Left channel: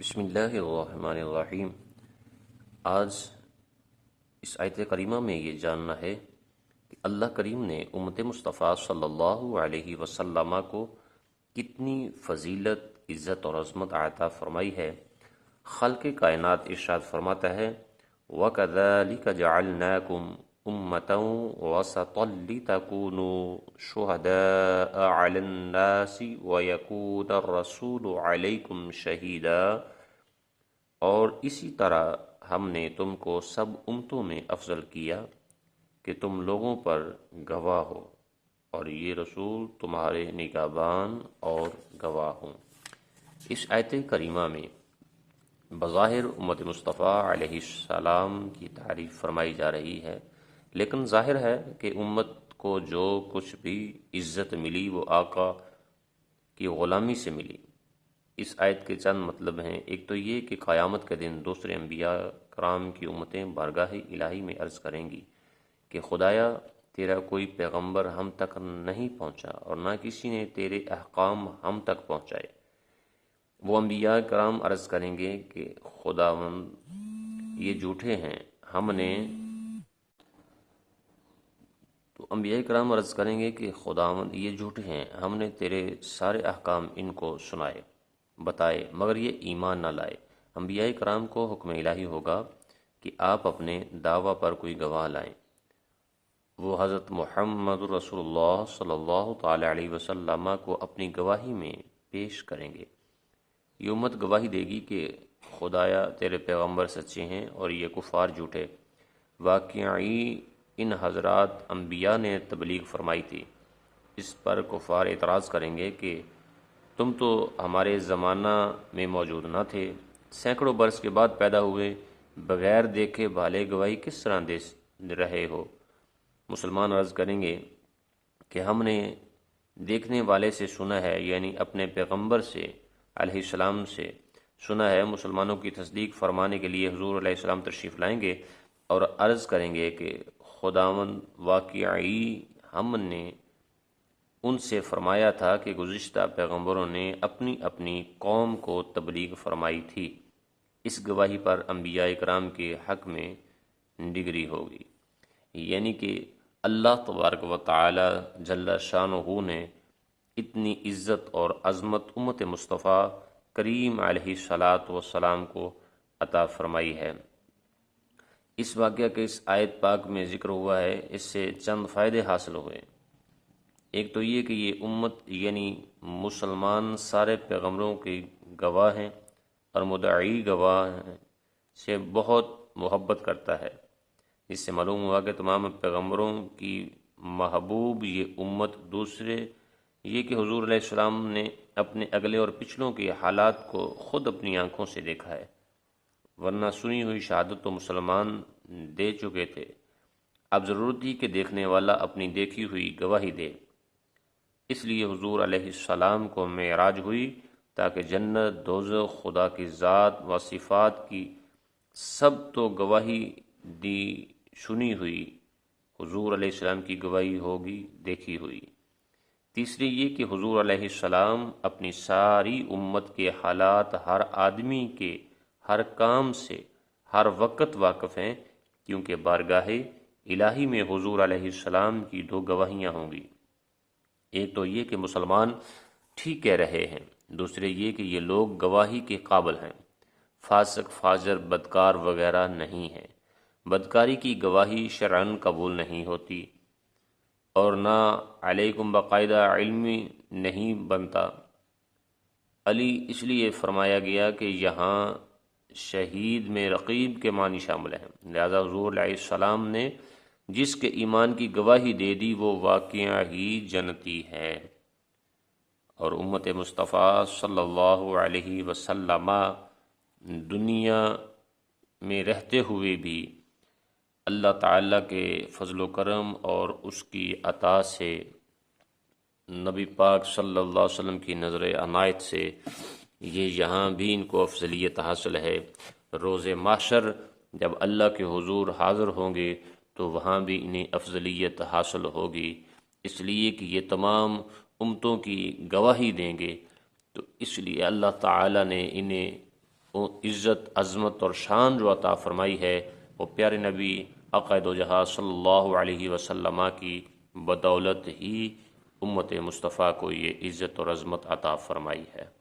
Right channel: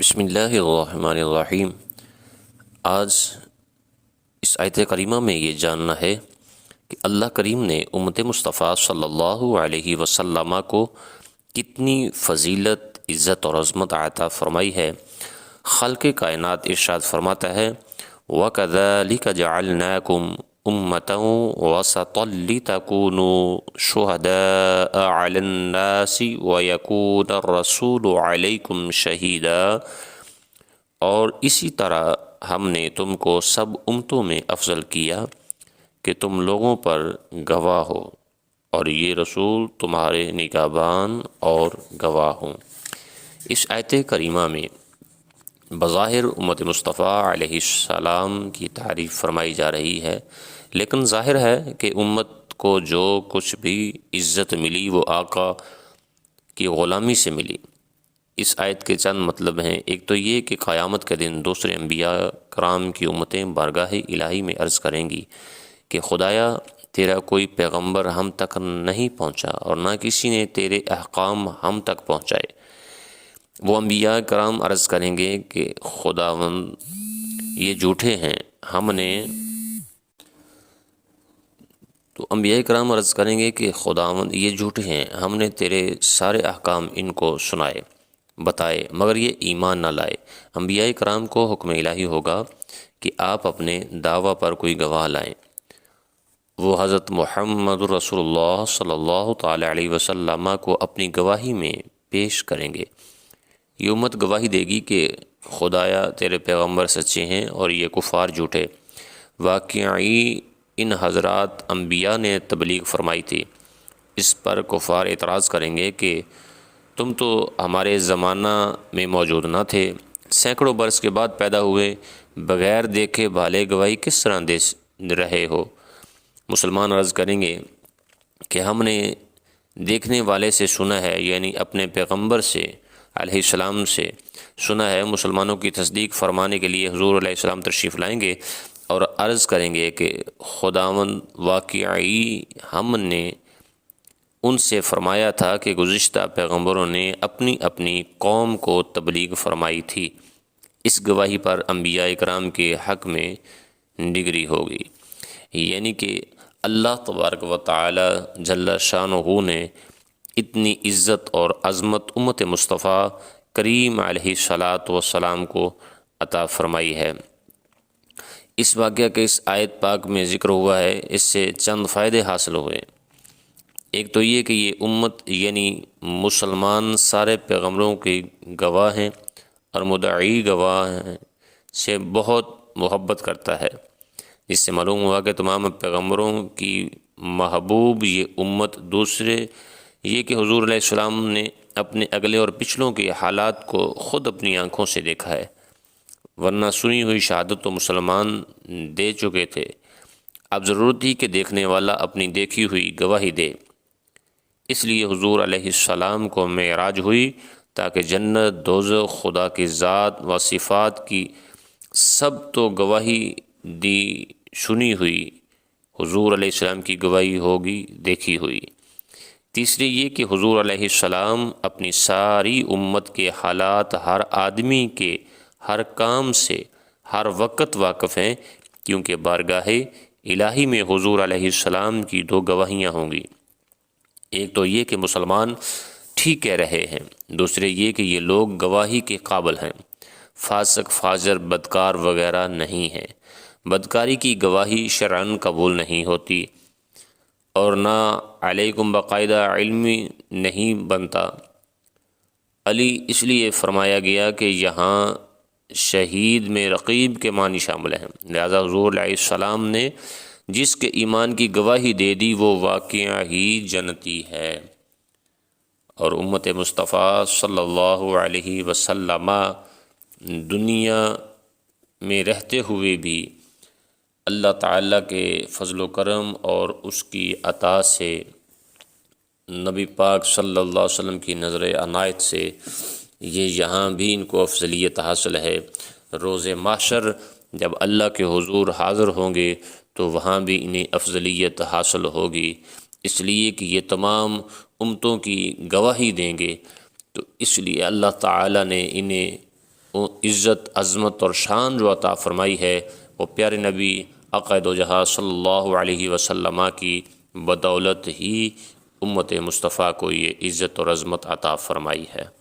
بسم اللہ الرحمن الرحیم۔ آج اس آیت کریمہ میں یہ جاننا ہے کہ اللہ کریم نے امت مصطفیٰ صلی اللہ علیہ وسلم کو کتنی فضیلت، عزت اور عظمت عطا فرمائی ہے۔ خالق کائنات ارشاد فرماتا ہے وَكَذَلِكَ جَعَلْنَاكُمْ أُمَّةً وَسَطًا لِتَكُونُوا شُهَدَاءَ عَلَى النَّاسِ وَيَكُونَ الرَّسُولُ عَلَيْكُمْ شَهِيدًا، اور اسی طرح ہم نے تم کو سب امتوں میں افضل کیا کہ تم لوگوں پر گواہ ہو اور یہ رسول تمہارے نگہبان اور گواہ ہوں۔ اس آیت کریمہ میں بظاہر امت مصطفیٰ علیہ السلام کی تعریف فرمائی جا رہی ہے، لیکن ظاہر ہے کہ امت کو جو کچھ بھی عزت ملی وہ آقا کی غلامی سے ملی۔ اس آیت کے چند مطلب ہیں۔ ایک تو یہ کہ قیامت کے دن دوسرے انبیاء کرام کی امتیں بارگاہ الہی میں عرض کریں گی کہ خدایا تیرا کوئی پیغمبر ہم تک نہیں پہنچا اور نہ کسی نے تیرے احکام ہم تک پہنچائے۔ وہ انبیاء کرام عرض کریں گے کہ خداوند یہ جھوٹے ہیں، ہم نے تو انبیاء کرام عرض کریں گے کہ خداوند یہ جھوٹے ہیں، ہم نے تیرے سارے احکام ان کو سنائے بتائے مگر یہ ایمان نہ لائے۔ انبیاء کرام کو حکم الہی ہوگا کہ آپ اپنے دعویٰ پر کوئی گواہ لائیں۔ وہ حضرت محمد رسول اللہ صلی اللہ تعالی علیہ وسلم کو اپنی گواہی میں پیش کریں گے۔ یہ امت گواہی دے گی کہ خدایا تیرے پیغمبر سچے ہیں اور یہ کفار جھوٹے۔ واقعی ان حضرات انبیاء نے تبلیغ فرمائی تھی، اس پر کفار اعتراض کریں گے کہ تم تو ہمارے زمانہ میں موجود نہ تھے، سینکڑوں برس کے بعد پیدا ہوئے، بغیر دیکھے بھالے گواہی کس طرح دے رہے ہو؟ مسلمان عرض کریں گے کہ ہم نے دیکھنے والے سے سنا ہے، یعنی اپنے پیغمبر سے علیہ السلام سے سنا ہے۔ مسلمانوں کی تصدیق فرمانے کے لیے حضور علیہ السلام تشریف لائیں گے اور عرض کریں گے کہ خداوند واقعی ہم نے ان سے فرمایا تھا کہ گزشتہ پیغمبروں نے اپنی اپنی قوم کو تبلیغ فرمائی تھی۔ اس گواہی پر انبیاء کرام کے حق میں ڈگری ہوگی، یعنی کہ اللہ تبارک و تعالی جل شانہ نے اتنی عزت اور عظمت امت مصطفیٰ کریم علیہ السلام کو عطا فرمائی ہے۔ اس واقعہ کے اس آیت پاک میں ذکر ہوا ہے، اس سے چند فائدے حاصل ہوئے۔ ایک تو یہ کہ یہ امت یعنی مسلمان سارے پیغمبروں کی گواہ ہیں اور مدعی گواہ سے بہت محبت کرتا ہے، جس سے معلوم ہوا کہ تمام پیغمبروں کی محبوب یہ امت۔ دوسرے یہ کہ حضور علیہ السلام نے اپنے اگلے اور پچھلوں کے حالات کو خود اپنی آنکھوں سے دیکھا ہے، ورنہ سنی ہوئی شہادت تو مسلمان دے چکے تھے۔ اب ضرورت تھی کہ دیکھنے والا اپنی دیکھی ہوئی گواہی دے، اس لیے حضور علیہ السلام کو معراج ہوئی تاکہ جنت، دوزخ، خدا کی ذات و صفات کی سب تو گواہی دی سنی ہوئی، حضور علیہ السلام کی گواہی ہوگی دیکھی ہوئی۔ تیسری یہ کہ حضور علیہ السلام اپنی ساری امت کے حالات، ہر آدمی کے ہر کام سے ہر وقت واقف ہیں، کیونکہ بارگاہ الہی میں حضور علیہ السلام کی دو گواہیاں ہوں گی۔ ایک تو یہ کہ مسلمان ٹھیک کہہ رہے ہیں، دوسرے یہ کہ یہ لوگ گواہی کے قابل ہیں، فاسق، فاجر، بدکار وغیرہ نہیں ہیں۔ بدکاری کی گواہی شرعاً قبول نہیں ہوتی اور نہ علیکم باقاعدہ علمی نہیں بنتا۔ علی اس لیے فرمایا گیا کہ یہاں شہید میں رقیب کے معنی شامل ہیں، لہذا حضور علیہ السلام نے جس کے ایمان کی گواہی دے دی وہ واقعہ ہی جنتی ہے۔ اور امت مصطفیٰ صلی اللہ علیہ وسلم دنیا میں رہتے ہوئے بھی اللہ تعالیٰ کے فضل و کرم اور اس کی عطا سے، نبی پاک صلی اللہ علیہ وسلم کی نظر عنایت سے یہ یہاں بھی ان کو افضلیت حاصل ہے۔ روز محشر جب اللہ کے حضور حاضر ہوں گے تو وہاں بھی انہیں افضلیت حاصل ہوگی، اس لیے کہ یہ تمام امتوں کی گواہی دیں گے، تو اس لیے اللہ تعالیٰ نے انہیں عزت، عظمت اور شان جو عطا فرمائی ہے وہ پیارے نبی آقا دو جہاں صلی اللہ علیہ وسلم کی بدولت ہی امت مصطفیٰ کو یہ عزت اور عظمت عطا فرمائی ہے۔